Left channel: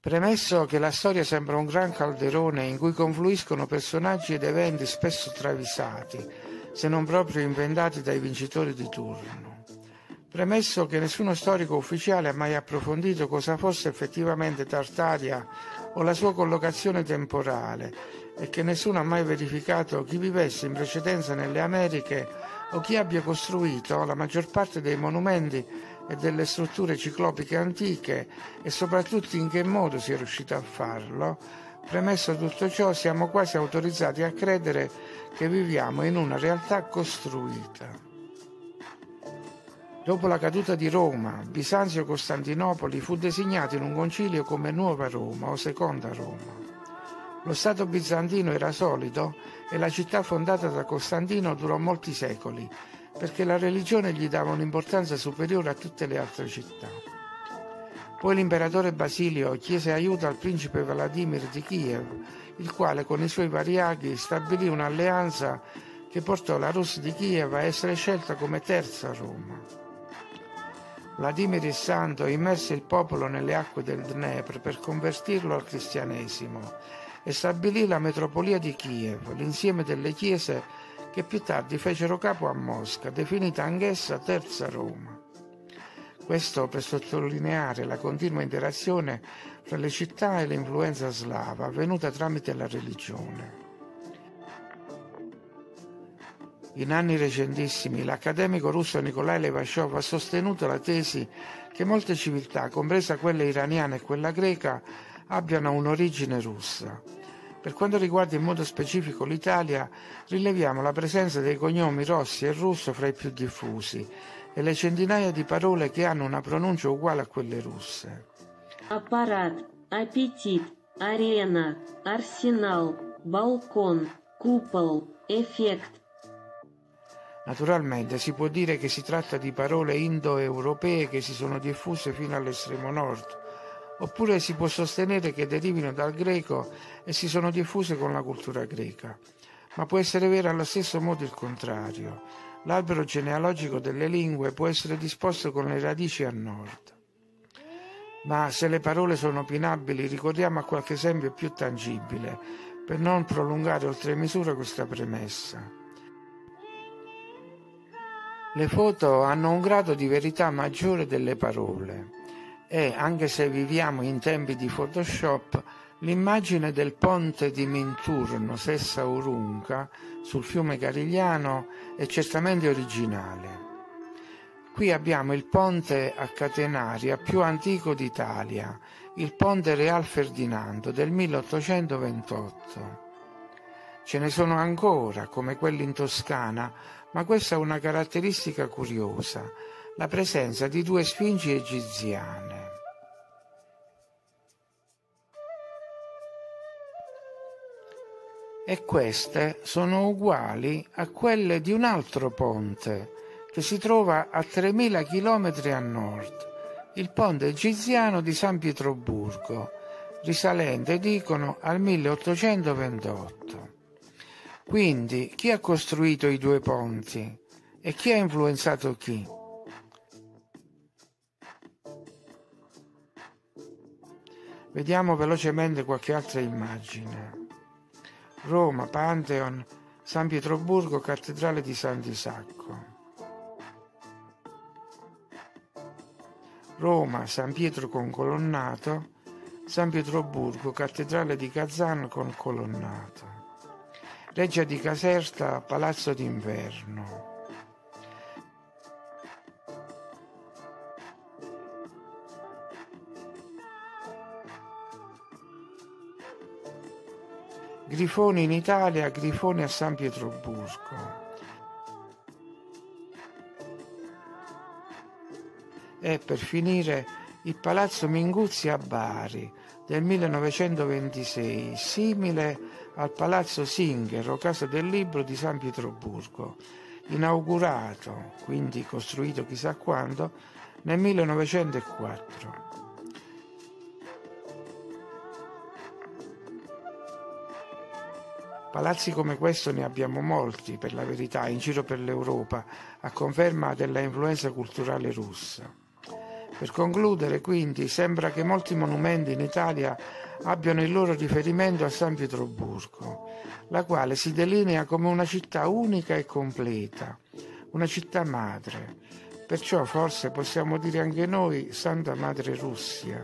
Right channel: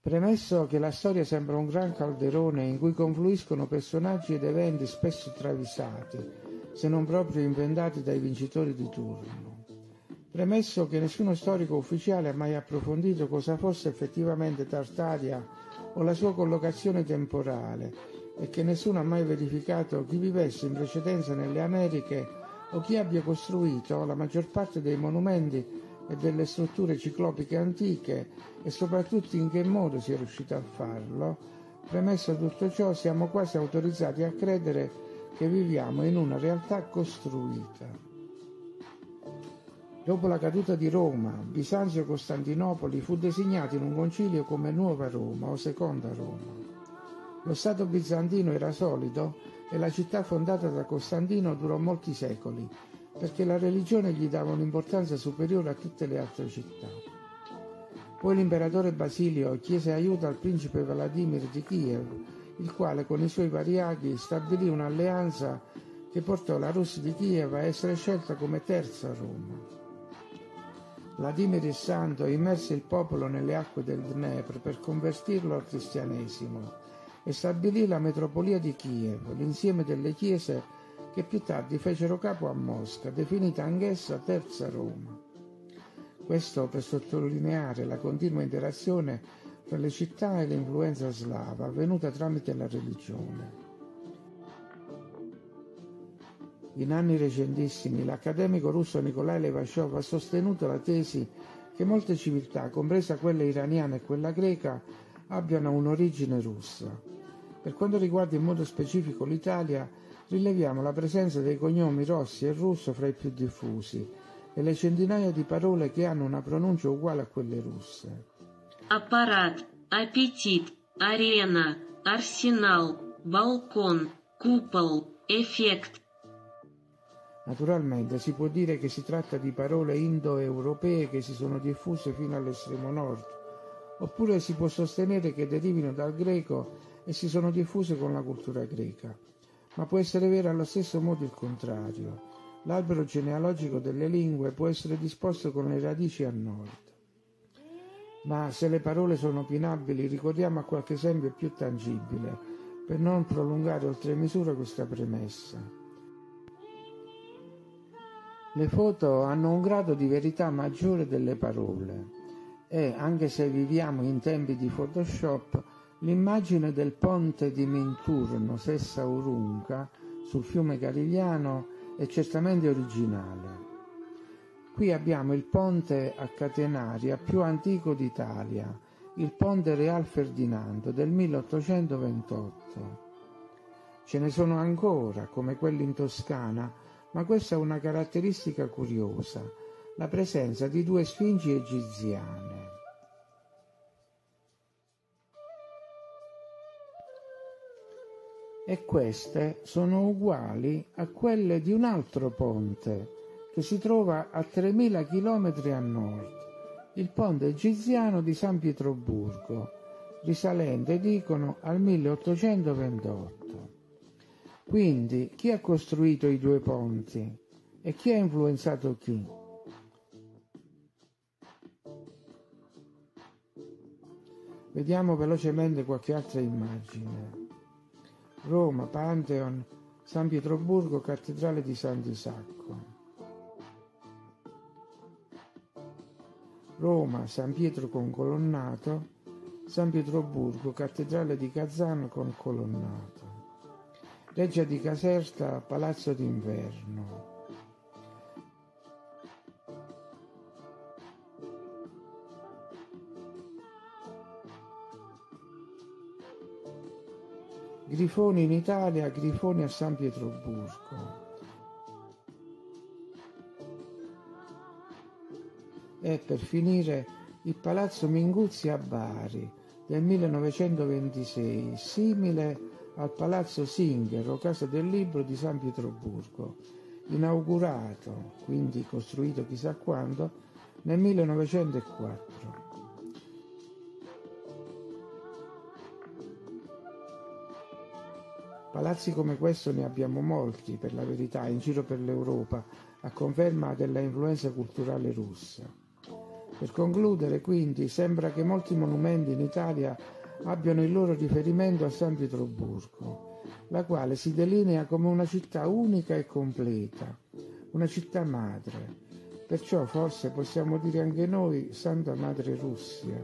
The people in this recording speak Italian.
Premesso che la storia sembra un gran calderone in cui confluiscono personaggi ed eventi spesso travisati, se non proprio inventati dai vincitori di turno. Premesso che nessuno storico ufficiale ha mai approfondito cosa fosse effettivamente Tartaria o la sua collocazione temporale e che nessuno ha mai verificato chi vivesse in precedenza nelle Americhe o chi abbia costruito la maggior parte dei monumenti e delle strutture ciclopiche antiche e soprattutto in che modo si è riuscito a farlo, premesso tutto ciò siamo quasi autorizzati a credere che viviamo in una realtà costruita. Dopo la caduta di Roma, Bisanzio-Costantinopoli fu designato in un concilio come Nuova Roma o Seconda Roma. Lo Stato bizantino era solido e la città fondata da Costantino durò molti secoli, perché la religione gli dava un'importanza superiore a tutte le altre città. Poi l'imperatore Basilio chiese aiuto al principe Vladimir di Kiev, il quale con i suoi variaghi stabilì un'alleanza che portò la Rus di Kiev a essere scelta come terza Roma. Vladimir il Santo immerse il popolo nelle acque del Dnepr per convertirlo al cristianesimo e stabilì la metropolia di Kiev, l'insieme delle chiese che più tardi fecero capo a Mosca, definita anch'essa Terza Roma. Questo per sottolineare la continua interazione fra le città e l'influenza slava avvenuta tramite la religione. In anni recentissimi l'accademico russo Nikolai Levashov ha sostenuto la tesi che molte civiltà, compresa quella iraniana e quella greca, abbiano un'origine russa. Per quanto riguarda in modo specifico l'Italia, rileviamo la presenza dei cognomi Rossi e Russo fra i più diffusi e le centinaia di parole che hanno una pronuncia uguale a quelle russe. Apparat, appetit, arena, arsenal, balcon, cupol, effect. Naturalmente si può dire che si tratta di parole indoeuropee che si sono diffuse fino all'estremo nord, oppure si può sostenere che derivino dal greco e si sono diffuse con la cultura greca. Ma può essere vero allo stesso modo il contrario. L'albero genealogico delle lingue può essere disposto con le radici a nord. Ma se le parole sono opinabili, ricordiamo a qualche esempio più tangibile, per non prolungare oltre misura questa premessa. Le foto hanno un grado di verità maggiore delle parole e, anche se viviamo in tempi di Photoshop, l'immagine del ponte di Minturno, Sessa Urunca, sul fiume Carigliano è certamente originale. Qui abbiamo il ponte a catenaria più antico d'Italia, il ponte Real Ferdinando del 1828. Ce ne sono ancora, come quelli in Toscana, ma questa è una caratteristica curiosa, la presenza di due sfingi egiziane. E queste sono uguali a quelle di un altro ponte che si trova a 3.000 chilometri a nord, il ponte egiziano di San Pietroburgo, risalente, dicono, al 1828. Quindi, chi ha costruito i due ponti e chi ha influenzato chi? Vediamo velocemente qualche altra immagine. Roma, Pantheon, San Pietroburgo, Cattedrale di Sant'Isacco. Roma, San Pietro con colonnato, San Pietroburgo, Cattedrale di Kazan con colonnato. Reggia di Caserta, Palazzo d'Inverno. Grifoni in Italia, Grifoni a San Pietroburgo. E per finire il Palazzo Minguzzi a Bari del 1926, simile al Palazzo Singer o Casa del Libro di San Pietroburgo, inaugurato, quindi costruito chissà quando, nel 1904. Palazzi come questo ne abbiamo molti, per la verità, in giro per l'Europa, a conferma della influenza culturale russa. Per concludere, quindi, sembra che molti monumenti in Italia abbiano il loro riferimento a San Pietroburgo, la quale si delinea come una città unica e completa, una città madre. Perciò forse possiamo dire anche noi Santa Madre Russia.